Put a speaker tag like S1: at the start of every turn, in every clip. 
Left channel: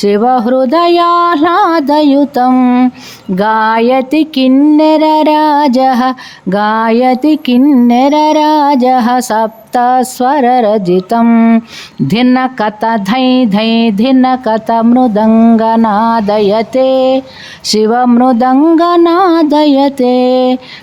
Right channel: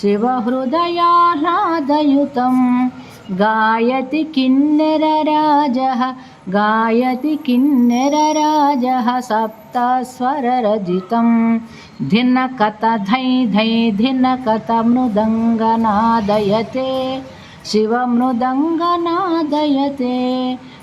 S1: शिवहृदयाह्लादयुतं गायति किन्नरराजः गायति किन्नरराजः सप्तस्वररजितं धिनकत धै धै धिनकत मृदङ्गनादयते शिवमृदङ्गनादयते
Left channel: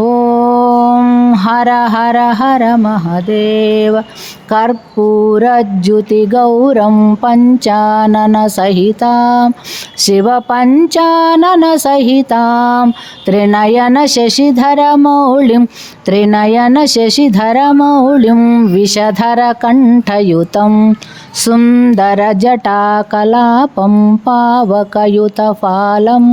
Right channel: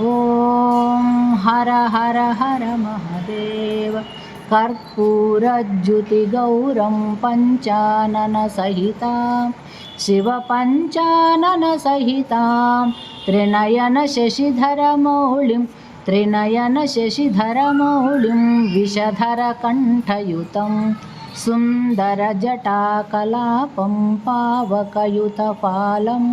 S1: ॐ हर हर हर महदेव कर्पूरज्युतिगौरं पञ्चाननसहितां शिवपञ्चाननसहितां त्रिनयनशशिधरमौलिं त्रिनयनशशिधरमौलिं विषधरकण्ठयुतं सुन्दरजटाकलापं पावकयुतफालम्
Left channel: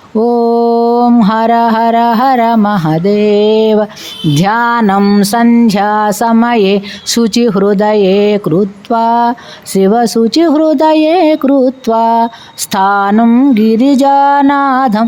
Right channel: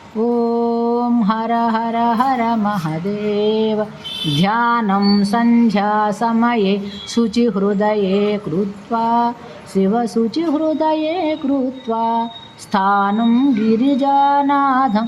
S1: ॐ हर हर हर महदेव। ध्यानं सन्ध्यासमये शुचिहृदये कृत्वा शिवशुचिहृदये कृत्वा स्थानं गिरिजानाथं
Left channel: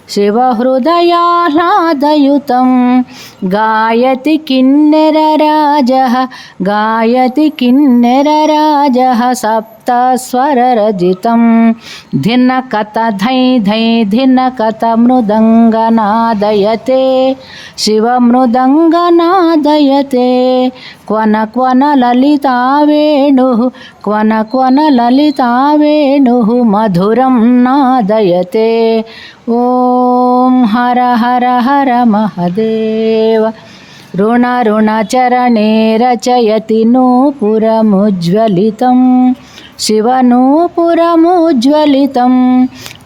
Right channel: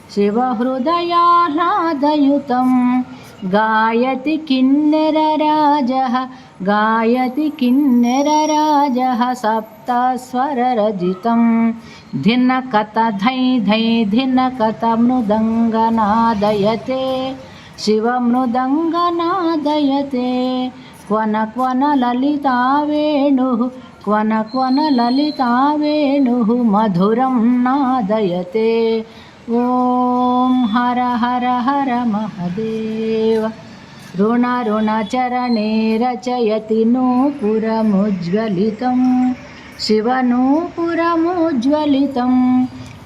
S1: शिवहृदयाह्लादयुतं गायति किन्नरराजः गायति किन्नरराजः सप्तस्वररजितं। धिनकत धै धै धिनकत मृदङ्गनादयते शिवमृदङ्गनादयते। क्वन क्वन ललिता वेणुः, क्वन क्वन ललिता वेणुः मधुरं नादयते। ॐ हर हर हर महदेव ऋणऋणचरणे रचयति नूपुरमुज्ज्वलितं शिवनूपुरमुज्ज्वलितं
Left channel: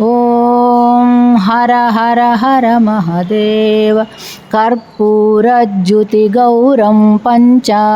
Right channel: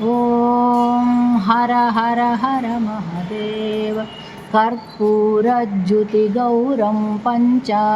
S1: ॐ हर हर हर महदेव। कर्पूरज्युतिगौरं पञ्चाननसहिताम्